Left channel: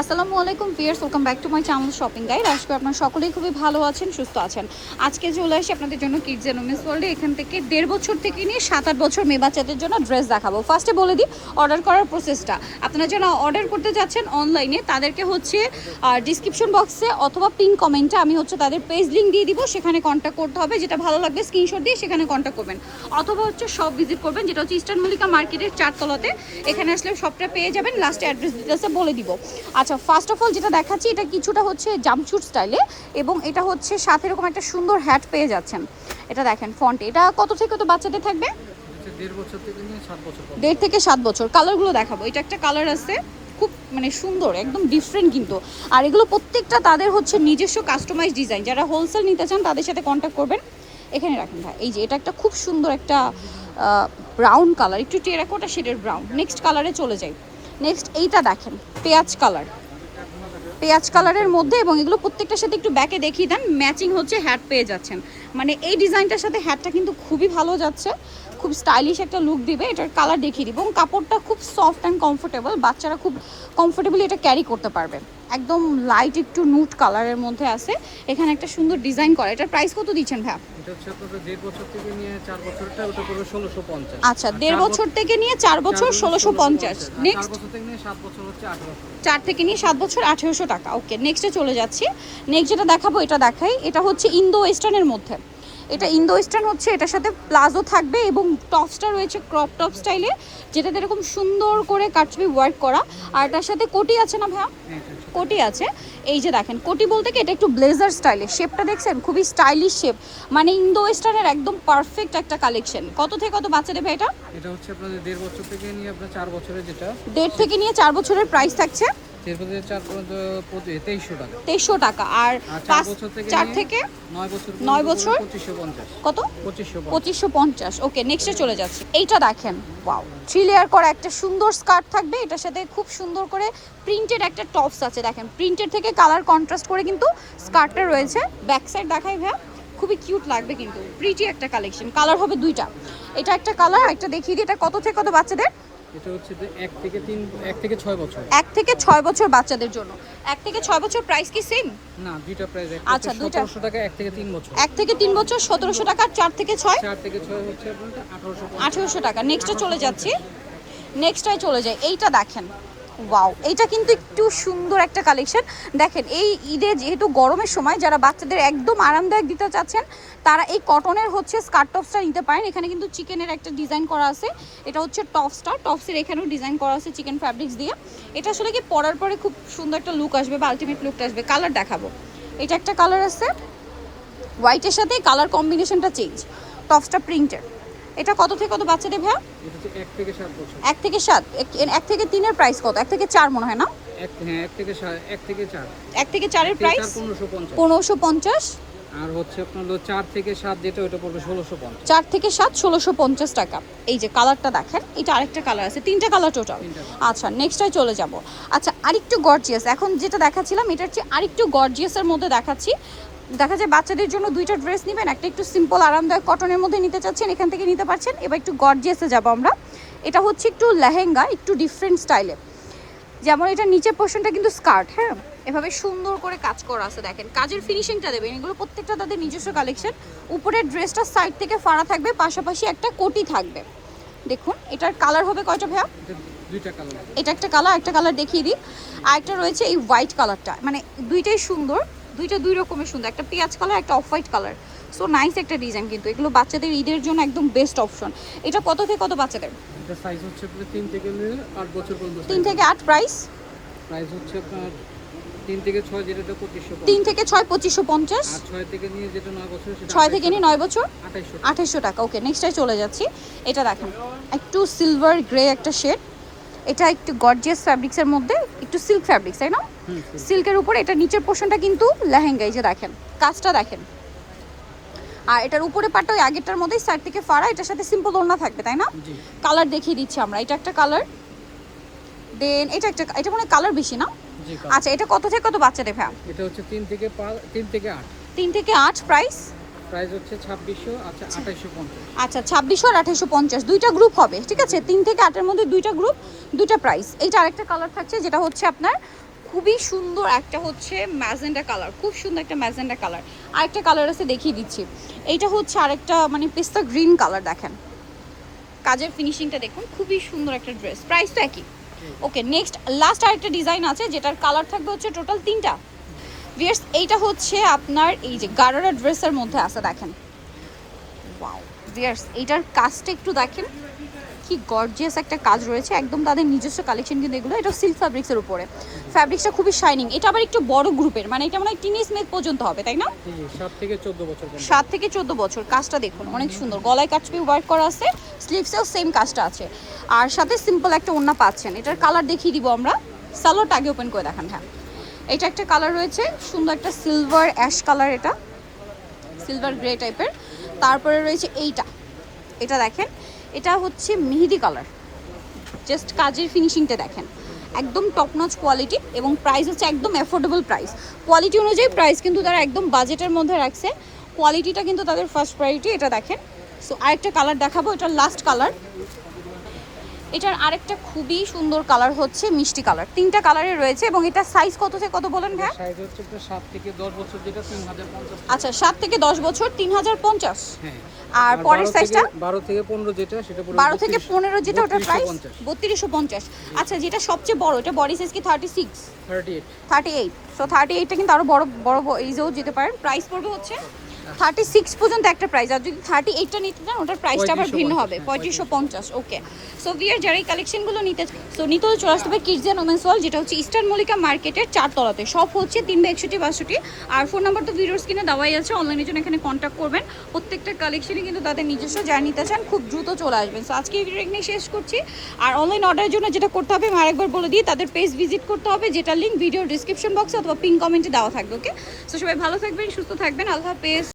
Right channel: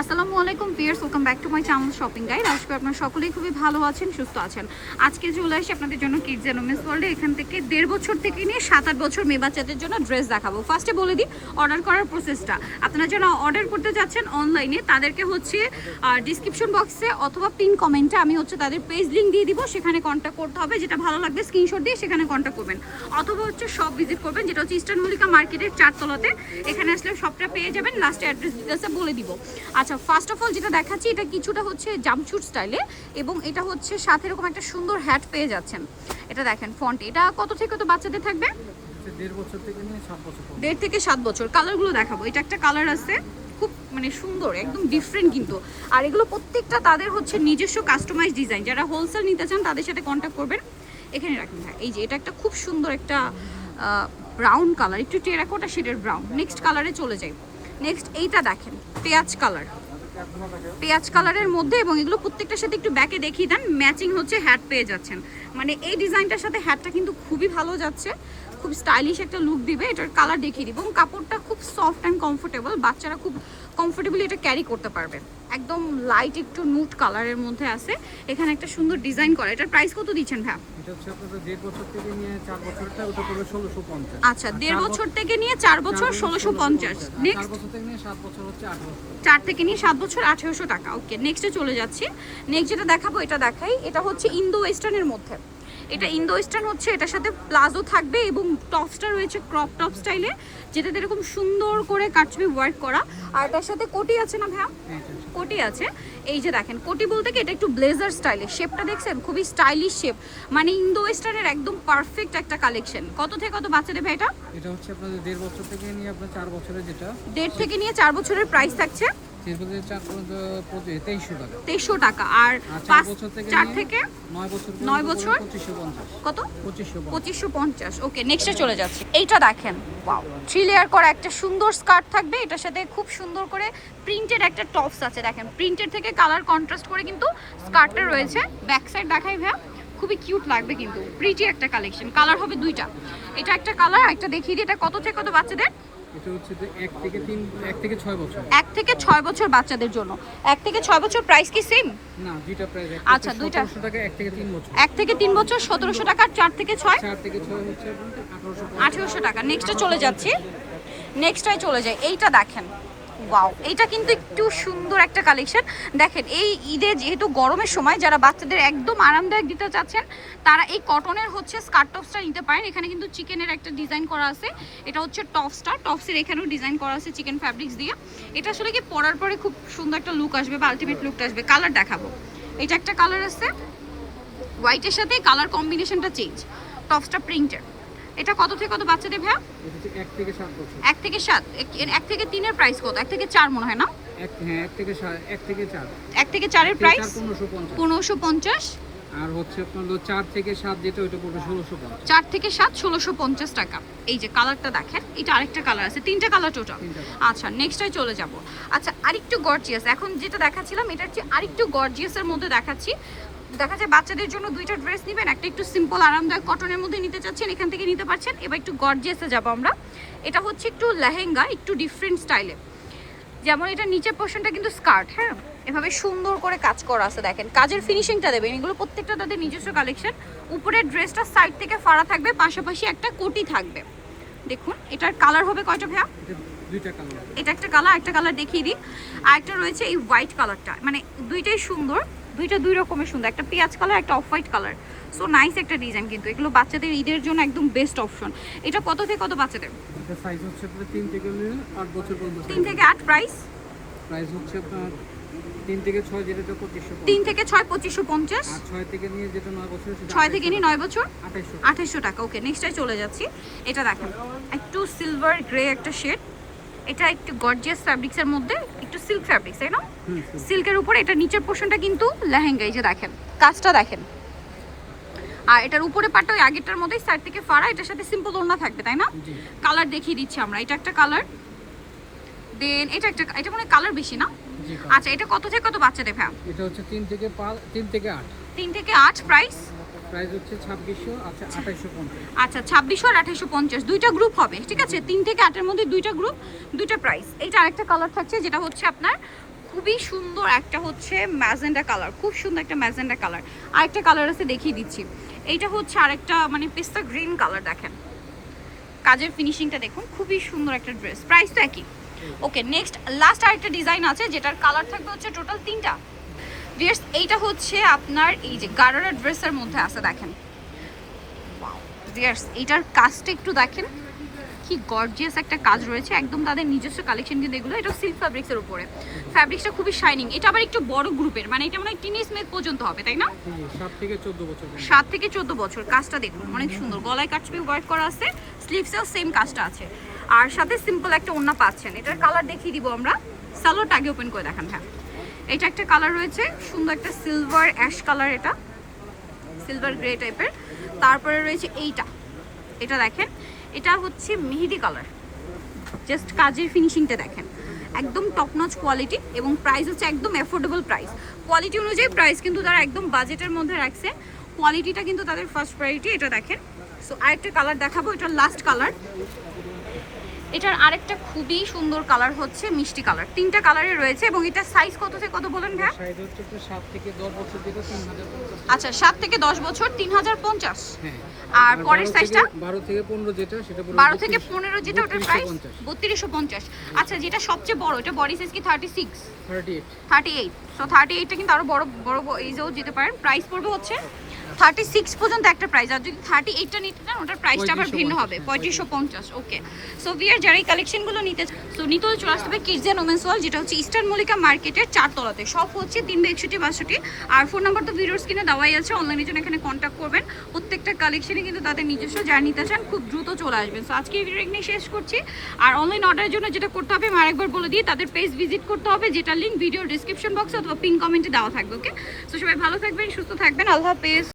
আসসালামু আলাইকুম viewers, welcome back to my channel shopping guide. আশা করি আপনারা সকলেই খুবই ভালো আছেন, সুস্থ আছেন। আজকে চলে আসি আপনাদের জন্য কিডস এন্ড উমেন্স ওয়ার্ল্ডে। এখান থেকে 1.5 বছর থেকে নিয়ে 7-8 বছর মেয়ে বাচ্চাদের জন্য ড্রেস দেখাবো। ফার্স্টে বলে দিই অর্ডার করার প্রসেসটা। আপনারা যারা অর্ডার করতে যাচ্ছেন অনলাইনে তাদেরকে হচ্ছে ডিসক্রিপশন বক্সে অথবা পিন কমেন্টে আমি হচ্ছে তাদের পেজ লিঙ্ক দিয়ে দিব, সেখানে কন্ট্যাক্ট করতে হবে। যেটা ভালো লাগবে স্ক্রিনশট দিয়ে সেখানে কন্ট্যাক্ট করবেন, অথবা হচ্ছে শপ ভিজিট করবেন, যেটা হচ্ছে ইস্টার্ন মল্লিকা মার্কেটের 4 তলাতে। এখানে আসলে সবটা পেয়ে যাবেন। লাস্টে অ্যাড্রেস ডিটেলসে বলে দিব। আচ্ছা, ফার্স্ট অফ অল যেটা দেখাচ্ছি এটা কিছুটা হচ্ছে জাম্পশুট স্টাইলে, এবং এটা হচ্ছে সাথে এরকম একটা সুন্দর হ্যাট পেয়ে যাচ্ছেন। এটা দেখেন ফন্টে, এটা কত থেকে কত বাচ্চাদের থাকবে? 1.5 বছর থেকে নিয়ে 7 বছর। 1.5 থেকে 7 বছর। কালারগুলো দেখাবো। এটা একটা কালার আছে খুব মানে সুন্দর, একদম ডিফারেন্ট কিন্তু। আর এগুলো প্রত্যেকটা তাদের হচ্ছে নিজস্ব কাস্টমাইজ ডিজাইন। যারা হোলসেল নিতে চান তাদের সাথে কন্ট্যাক্ট করবেন। এখানে রাখেন ভাই। এই যে এটা একটা খুব সুন্দর একটা ব্রাউন কালার, একটু টেরাকোটা শেডের ব্রাউন। নেক্সট কালারে চলে যাই। নেক্সট এইটা দেখেন পেঁয়াজ কালার, পেঁয়াজ কালারের মধ্যে, এবং এগুলো প্রত্যেকটার সাথে একটু ব্যাকে দেখিয়ে দেন, ম্যাচিং হচ্ছে হ্যাট পেয়ে যাচ্ছেন। মানে এই ডিজাইনটার সাথে হ্যাটটা কিন্তু খুবই ভালো যাচ্ছে, খুব স্টাইলিশ একটা লুক দিবে। এটার কালার দেখিয়ে দিব, এবং কাপড়টা খুব সফট অ্যান্ড কমফোর্টেবল, বাচ্চারা খুব কমফোর্টেবলি এটা ক্যারি করতে পারবে। একদম লাইট একটু নুট কালারের মধ্যে আছে। এখানে একটা সুন্দর ডিজাইন করা। এটার প্রাইস কত দিচ্ছেন ভাই? এটা হচ্ছে আপনাদের 1.5 বছর থেকে নিয়ে 4 বছরটা, ওটা পড়বে 1650। আচ্ছা, 1.5 বছর থেকে নিয়ে 4 বছর 1650। নেক্সট 4 বছর থেকে নিয়ে 7 বছর হচ্ছে 1800। 4 থেকে নিয়ে 7 বছর 1800 টাকা। ওকে, নেক্সটে চলে যাচ্ছি। নেক্সট যেটা দেখাবো এটা দেখাই। এটা হচ্ছে ইন্দো ওয়েস্টার্নের মধ্যে। এটা ইন্দো ওয়েস্টার্ন হচ্ছে, এটার সাথে প্লাজো থাকবে এবং টপসটা রয়েছে ক্রপ টপ স্টাইলে, যেটাতে এরকম সুন্দর করে কাটছবি ওয়ার্ক করা। আর এটার সাথে কোটি আছে না ভাইয়া? কোটি আছে। এই যে দেখেন কোটি বলতে কি, এটা একটু ব্লেজার স্টাইলে। শেপটা দেখছেন, খুবই স্টাইলিশ শেপ। মানে ইন্দো ওয়েস্টার্নের একদম পারফেক্ট একটা কালেকশন। কত থেকে কত বাচ্চা দেবে এটা? এটা হচ্ছে আপনাদের 1.5 বছর থেকে নিয়ে আপনার 4 বছরের, যেটা 1.5 থেকে নিয়ে 4 বছরের প্রাইস থাকছে 4 পর্যন্ত 2300 টাকা। 2300 টাকা। আর 4 বছর থেকে 4 থেকে 9 বছর 9 বছর 2550। কত? 2550। 2550। ওকে, নেক্সটে চলে যাচ্ছে। এইটা দেখেন, ওয়াও, 3 লেয়ার করা একটা সুন্দর স্কার্ট থাকবে। এটার সাথে খুব সুন্দর করে প্রিন্টেড একটা টপস আছে। দেখেন প্রিন্টেড থেকে কালার কন্ট্রাস্ট করে কিন্তু স্কার্টটা রয়েছে। ব্যাক সাইড দেখাই ভাইয়া, খুবই কিউট লাগবে কিন্তু, প্রিটি একটা কালেকশন। কালার হবে দুইটা। এটা একটা কালার, একটা দেখিয়ে দিই। এটা কত থেকে কত বাচ্চাদের? এটা হচ্ছে 1 থেকে 6 বছর। 1 থেকে 6 বছর বাচ্চাদের জন্য। 1 থেকে 6 বছর প্রাইস কি সেম? না, দুইটা প্রাইস। আচ্ছা, দুইটা 1700 টাকা। 1 থেকে 3 বছর। 1 থেকে 3 বছর 1700 টাকা। 4 থেকে 6 4 থেকে 6 হচ্ছে আপনাদের 1800 টাকা। নেক্সটে চলে যাচ্ছি। নেক্সটটাই চলে যায়। এইটা দেখেন, ওয়াও, এইটা কিন্তু একটু সুন্দর একটা কালেকশন। দেখেন এই ঈদে যেহেতু গরমের সময় যারা বাচ্চাদের একদম আরামদায়ক দিতে চাচ্ছেন তারা এই কটনের হচ্ছে স্কার্ট টপসটা নিতে পারেন। এখানে কিন্তু চিকেনের একটা ডিজাইন করা আছে। এটা হচ্ছে টপসটা, টপসের এখানেও ডিজাইন করা আছে চিকেন ফ্যাব্রিক্স দিয়ে। এটা আসলে কি পরার পরে খুব সুন্দর একটা লুক আসবে বা আলটিমেট লুকটা আসবে। কালার দেখাবো। এটা একটা কালার আছে, হোয়াইটের সাথে কালার কম্বিনেশনটা চেঞ্জ। টপসটা প্রিন্টের। এটা কত থেকে কত বাচ্চাদের ভাইয়া? এটা হচ্ছে 1 থেকে 7 বছর। 1 থেকে 7। 1 থেকে 3 এর প্রাইস কত? 1 থেকে 4 মনে হয় না? 1 থেকে 4। 1 থেকে 4 এর প্রাইস 1550। 1550। আর হচ্ছে আপনার 4 থেকে 7 যেটা, ওটা পড়বে 1650। 4 থেকে 7 1650 টাকা। এই যে কালারটা দেখেন, এটা আরেকটা কালার আছে, 3টা কালার টোটাল। আচ্ছা, নেক্সটটাই চলে যাব। আচ্ছা, আরেকটু গর্জিয়াস। এখন যেটা দেখাচ্ছিলাম এটার চেয়ে আরেকটু গর্জিয়াসের মধ্যে দেখাচ্ছি। দেখা যায় বাচ্চাদের জন্য দুইটা ড্রেস নেবেন, একটা একটু সিম্পল আরামদায়ক কটনের মধ্যে নিতে চাচ্ছেন, এখান থেকে নিতে পারছেন। এবার একটু গর্জিয়াসে যাব আমরা। এটা হচ্ছে একটু লেহেঙ্গা, একটু ডিফারেন্ট স্টাইলে। যেমন এটা নিচের পোর্শনটা কিন্তু স্কার্ট, হ্যাঁ, এভাবে সুন্দর করে কাজ করা আছে। দেখেন কাজের ফিনিশিংটা দেবেন, এগুলো প্রত্যেকটা তাদের নিজস্ব কালেকশন। উপরের ড্রেসটা সাইড থেকে ফাড়া থাকবে, পাশাপাশি একটা কোটি থাকবে। দেখুন এটার কালার হবে কয়টা ভাইয়া? এটা দুইটা কালার। এটা একটা কালার, একটা কালার দেখিয়ে দিই। আর একটা রয়েছে এই হোয়াইট কালারটা, মানে দুইটাই সুন্দর, দুইটা দুই রকমের সুন্দর। একটা পেঁয়াজ কালার, একটা off white colour. So nice একটা ডিজাইন কিন্তু। এগুলো বাচ্চাদের ঈদের জন্য একদম বেস্ট অপশন। এটা কত থেকে কত বাচ্চাদের? এটা সাইজ হচ্ছে আপনার 3 থেকে 8 বছর পর্যন্ত। 3 থেকে 8 প্রাইস হচ্ছে আপনার 3 থেকে 6 যেটা 2550। 3 থেকে 6 2550। আর 6 থেকে নিয়ে যেটা 9 বছর, সেটা 6 থেকে নিয়ে 9 বছর 2800। 2800 টাকা। ওকে, নেক্সটটাই চলে যাচ্ছি। এটা দেখেন একটু সিলভার গ্রে একটা শেড। এটা একটু গর্জিয়াস ফ্যাব্রিক্সের মধ্যে, একটু সিল্ক ফ্যাব্রিক্স, তাই না? সিল্কের উপরে এটা নিচের পোর্শনটা কিন্তু লেহেঙ্গা। এই যে দেখেন কাজটা দেখেন। আর এটার উপরে পাটটা ওই আগেরটার মধ্যেই সাইড থেকে ফাড়া। এটার সাথে সিম্পল ওড়না থাকবে, তাই না? কালার দেখিয়ে দিচ্ছি আমরা। এটা একটা কালার, দেন এটা একটা, এটা মনে হয় কালার বেশি না? আচ্ছা, এটা কত থেকে কত বাচ্চাদের ভাই? এটা হচ্ছে 3 থেকে 8। 3 থেকে 8 প্রাইস হচ্ছে 2600। আচ্ছা, 2850। আচ্ছা, 2600 আর 2850 দুইটা গ্রুপ হবে, ঠিক আছে? 3 থেকে 8 এর মধ্যে দুইটা গ্রুপ, দুইটা প্রাইস। এইটা আরেকটা কালার থাকছে, যেটা হচ্ছে আপনার খুবই সুন্দর একটা হচ্ছে ম্যাজেন্ডা কালার, খুব সুন্দর একটা ম্যাজেন্ডা কালার। আরেকটা কালার আছে দেখিয়ে দিচ্ছি, এইটা হচ্ছে আরেকটা মানে পেস্তা গ্রিন কালার। দেখেন কাজের ফিনিশিংটা দেখুন, খুবই সুন্দর একটা ড্রেস, প্রাইস তো একই। ওকে, নেক্সট লাস্ট আরেকটা ডিজাইন আছে যেটার কালার থাকবে হচ্ছে টোটাল 3টা। ভিউয়ার্স এইটা হচ্ছে আপনার এই যে গারারা ড্রেসের মধ্যে আছে, দেখেন ওয়াও ভিউয়ার্স এইটার কাজটা একটু দেখেন, কি গর্জিয়াস একটা কাজ রয়েছে, একদম তাদের নিজস্ব কালেকশন কিন্তু এগুলো। এটা সিল্ক ফ্যাব্রিক্সের উপরে, ফ্যাব্রিক্সটা খুবই শাইনিং। এটা আবার একটু বড় গ্রুপের, মানে এটা মনে হয় টিনেজ মেদ পর্যন্ত হবে, তাই না? 7 থেকে 14 বছর পর্যন্ত। 7 থেকে 14 বছর। কাজটা দেখুন অনেক সুন্দর, গলায় কাটছবি ওয়ার্ক করা আছে, স্লিভসেও সেম কাজটা আছে, আর সাথে সিম্পল একটা ওড়না পাচ্ছেন। এটার কালার দেখিয়ে দিব আমরা, সালোয়ারটা আগে ওপেন করে দেখান। হ্যাঁ, এটা একটা কালার রয়েছে সুন্দর একটা সিলভার অ্যাশ কালার, এটা সিলভার গ্রে টাইপের। তারপরে রয়েছে এইটা, এটা দেখেন এটা হচ্ছে মেহেদি কালার। জাস্ট কাজের ফিনিশিংটা দেখেন, একদম টপ নচ কোয়ালিটি, এবং প্রাইস হচ্ছে একদম অ্যাফোর্ডেবল প্রাইস। কোয়ালিটি অনুযায়ী প্রাইস কিন্তু তারা একদম বাজেটের মধ্যে রাখছে, কোয়ালিটিটা কিন্তু তাদের ফার্স্ট প্রায়োরিটি। এটা দেখেন। সো আরেকটা কালার দেখাবো, এটার লাস্ট কালার। এটার আরেকটা খুবই সুন্দর কালার হচ্ছে মিষ্টি কালার। 3টা কালারে রয়েছে, এবং এটা সাইজ কত থেকে কত বলেন ভাই? সাইজ হচ্ছে 7 থেকে 10 বছর, যেটা 3050। আচ্ছা, 7 থেকে 10 বছর 3050। হ্যাঁ, আর পরের সাইজটা 12 থেকে 15 যেটা, সেটা পুরো 12 থেকে 15 যেটা, ওটার প্রাইস 3250। 3250। আচ্ছা, যেটা সবচেয়ে বড়, এটা বডি সাইজ কি 36? 38। 38। সো 38টা কিন্তু আরো বড় বড় এইজেও যেতে পারেন। প্রাইস পড়বে হচ্ছে 36 পর্যন্ত একটা প্রাইস, আর যদি 38টা নিতে চান ওটার প্রাইসটা আবার ভিন্ন হবে, 3550। ওকে, সো ভিয়ার যারা এই কালেকশনগুলো নিতে হলে চলে আসতে হবে কিডস এন্ড ওমেন্স ওয়ার্ল্ড, যেটা হচ্ছে ইস্টার্ন মল্লিকা মার্কেটের 4 তলাতে। সব হচ্ছে 361 আর ফোন নাম্বার তো ভিডিওর স্ক্রিনে দেওয়াই আছে, অনলাইনে জন্য এখানে কন্ট্যাক্ট করবেন। প্রত্যেকটা কালেকশনই কিন্তু তাদের নিজস্ব, যারা নিতে চান খুব দ্রুত চলে আসবেন। সো আজকে এই ভিডিও এখানে শেষ করছি। আর অনলাইন অর্ডারের জন্য যেটা করতে হবে আমি আরেকবার বলে দিই, তাদের পেজ ভিজিট করতে হবে, যেটা লিঙ্ক ভিডিওর ডিসক্রিপশন বক্সে অথবা পিন কমেন্টে দেওয়া থাকবে। ওকে, সো সবাই ভালো থাকবেন, সুস্থ থাকবেন, আল্লাহ হাফেজ।